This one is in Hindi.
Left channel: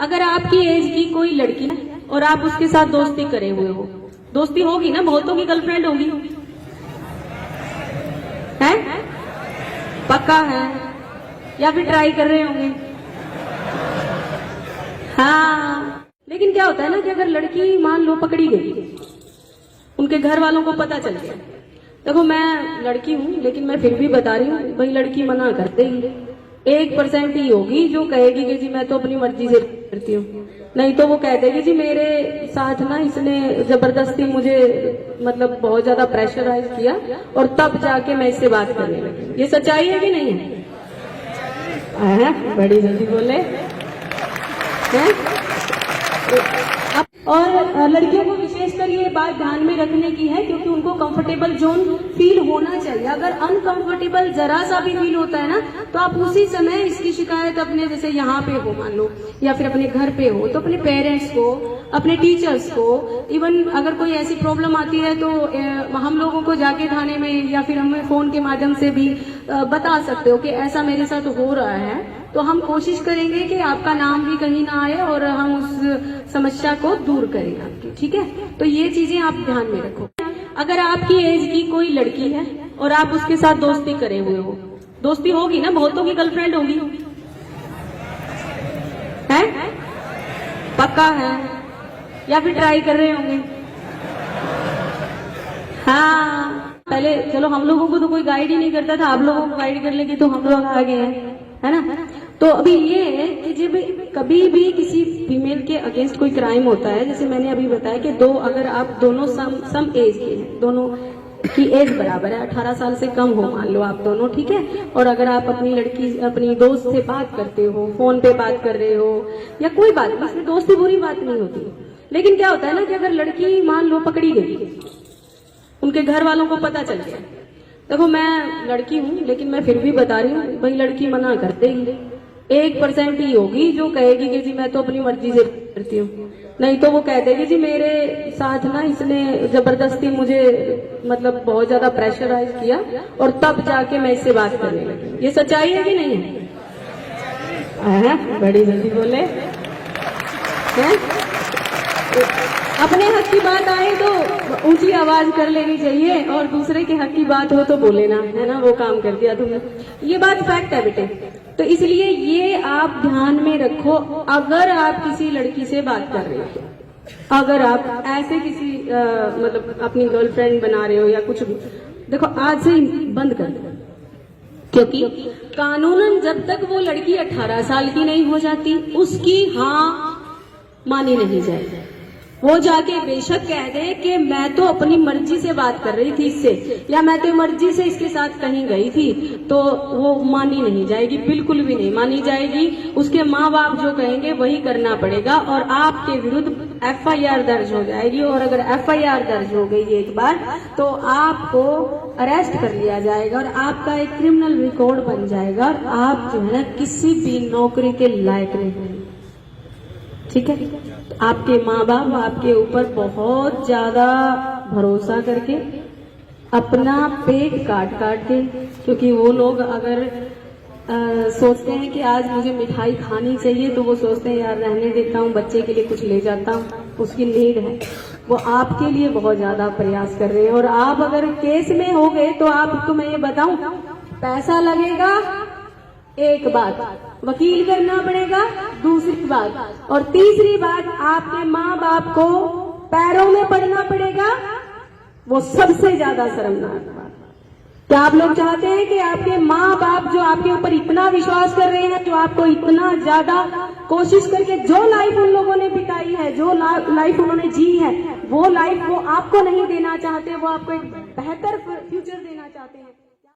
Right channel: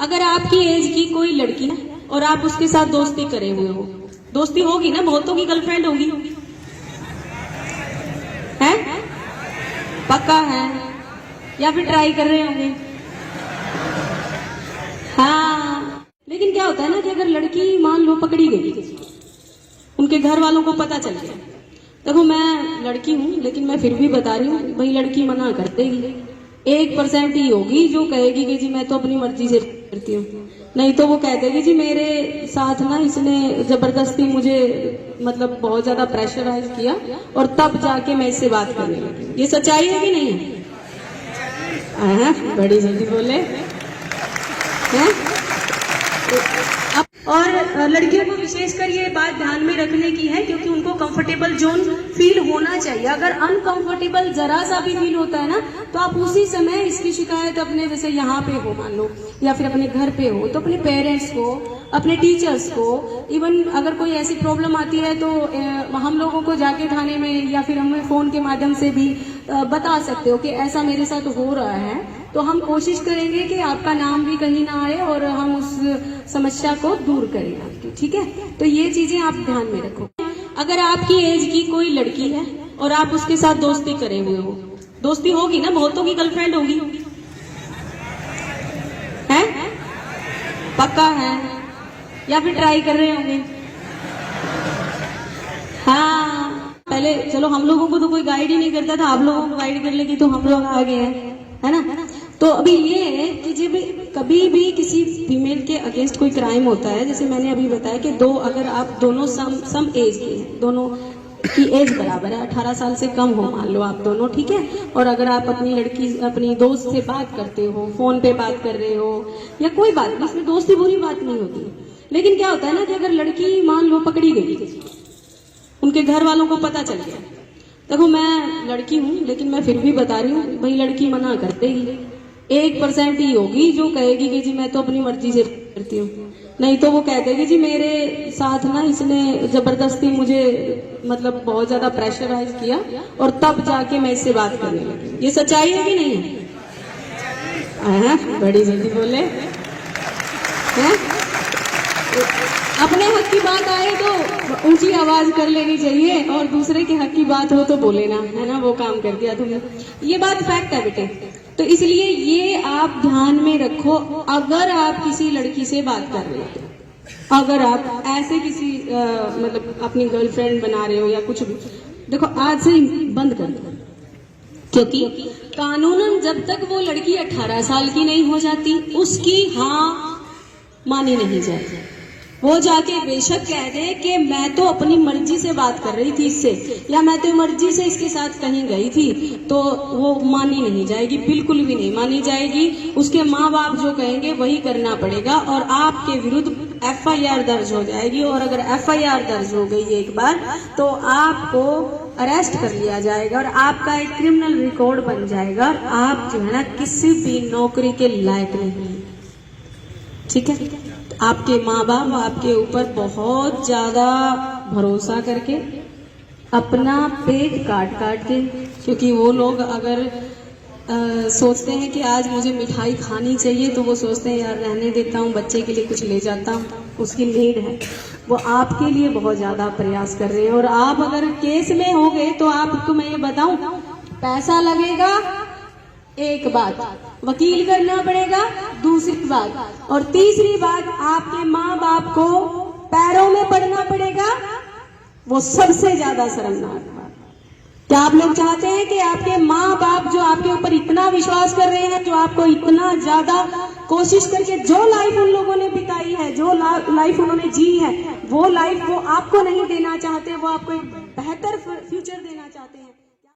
अगर आपकी एज की कोई लड़की है और आप उसके साथ दोस्ती करे हुए हो, दोस्ती होगी ना, बहुतों की गर्लफ्रेंड होगी, है पक्का है, या फिर ट्राई कर रहे होंगे। हाँ, लेकिन क्या होता है ना कि अगर लड़की मान लो पकड़ी गई, उनके घर वालों को पता चल गया, देखो मैं लड़की हूँ लेकिन मैं फिर भी बता रही हूँ, भाई लड़की मना करते ही 1% ही होगी जो कहेगी कि जी मैं तो अपनी मर्जी से करती हूँ, नहीं तो वो कह देगी जी मेरे साथ ना इसने जबरदस्ती मुझे मतलब बहुत ज्यादा प्रेशराइज किया और तब जाके मैं इससे बात करने लगी। ये सच्चाई है कि नहीं है? बड़ी जल्दी बोले है? और लड़कियों को विशेषकर ये बात ध्यान में रखने की है क्योंकि उनको कंफर्टेबल जोन फील होना चाहिए। अगर अनकंफर्टेबल जरा सा भी फील होता है ना तो आप उसी समय इसकी शिकायत अपने जैसे यहाँ पे हो मान लो या फिर अपने घर पे हो तो अपने पेरेंट्स को, अपने टीचर्स को, इवन अगर कोई ऐसी प्रॉब्लम आती है तो हम लोगों को जाके थाने में या फिर हमें फोन के माध्यम से भी बता सकते हो कि ऐसा मेरे साथ हो रहा है, तो हम कोशिश करेंगे कि आपका नाम भी कहीं ना आए और हम उस समस्या को दूर करेंगे आपकी। ठीक है, तो ये चीजें आप ध्यान में रखो। अगर आपकी एज की कोई लड़की है और आप उसके साथ दोस्ती करे हुए हो, दोस्ती होगी ना, बहुतों की गर्लफ्रेंड होगी, है पक्का है, या फिर ट्राई कर रहे होंगे। हाँ, पहले चलो हम लोगों को तो कोई गाइड ही नहीं करता था, आप लोगों को गाइड कर लेगी तो हम लोग आगे हैं, है ना। तो अभी ये कि जब कभी भी किसी फीमेल के अगेंस्ट कोई क्राइम होता है, जैसे मैंने अभी बताया कि अगर आप दोनों सम एज के, दोनों की एज बराबर है, 18 साल से कम हो मान लो आप दोनों, ठीक है, और अगर आप अपनी लड़की अपनी दोस्त से बात करते हो, फोन पे बात कर रहे हो या कोई बात, इसमें दोस्ती बुरी बात नहीं होती। लेकिन क्या होता है ना कि अगर लड़की मान लो पकड़ी गई, उनके घर वालों को पता चल गया, देखो मैं लड़की हूँ लेकिन मैं फिर भी बता रही हूँ, भाई लड़की मना करते ही 1% ही होगी जो कहेगी कि जी मैं तो अपनी मर्जी से करती हूँ, नहीं तो वो कह देगी जी मेरे साथ ना इसने जबरदस्ती मुझे मतलब बहुत ज्यादा प्रेशराइज किया और तब जाके मैं इससे बात करने लगी। ये सच्चाई है कि नहीं है? बड़ी जल्दी बोले है? अपने हक की बात आए तो ऊंची आवाज कर लेनी चाहिए और दूसरे के हक की बात हो तो बोले ना, है ना, वो काम कर दिया तुमने। ये बात फैक्ट है बेटे, तो इसलिए ये आप ध्यान में रखो। अगर आप किसी लड़की से बात कर रहे हो, अगर आप ऐसे किसी मतलब अपनी गर्लफ्रेंड बना रहे हो या कुछ भी, देखो आज से बंद कर दो, क्योंकि कानूनन जब तक वो लड़की 18 साल की नहीं हो जाती उसकी हाँ मानी नहीं जाएगी। वो जाके बेशक कह दे कि मैं तो अपनी मर्जी से बात कर रही थी इससे, या मैं तो मर्जी से इसके साथ कहीं गई थी, तो वो मानी नहीं जाएगी, बिल्कुल भी नहीं मानी जाएगी। उसके माँ बाप जो कहेंगे वही करना पड़ेगा और आपके विरुद्ध FIR दर्ज हो जाएगी। और अगर FIR दर्ज हो गई एक बार तो आपको अरेस्ट कर लिया जाएगा और आपका एक क्रिमिनल रिकॉर्ड बन जाएगा और आप जो है ना किसी भी नौकरी के लायक नहीं। ठीक है, आपके माँ बाप आपके ऊपर बहुत ज्यादा भरोसा करके अपना पेट काट के, क्योंकि वो लोग अगर सोचते हैं कि आज मुझे मिठाई खानी चाहिए तो वो सोचते हैं यार रहने देता हूँ, बच्चे के लिए कुछ ले जाता हूँ, उसकी नीड है, वो आपके लिए बहुत ज्यादा प्रयास कर रहे हैं। और आप अगर केस में हो गए तो आप, तुम्हें ये बताऊं, पैसा लगेगा एक बात, वकील करना पड़ेगा दूसरी बात, और तीसरी बात आपके माँ बाप को पैरों में पड़ना पड़ेगा, वो सबसे ज्यादा शर्मनाक बात। क्या आप लोग चाहते हैं कि आपके माँ बाप जो आपके ऊपर इतना विश्वास कर रहे हैं, जो आपको इतना ज्यादा कोशिश करके जो लाइफ उन लोगों ने बिताई है, जो लाइफ उन्होंने जी है, वो लाइफ वो आपको नहीं देना चाहते, वो आपको एक बेहतर फ्यूचर देना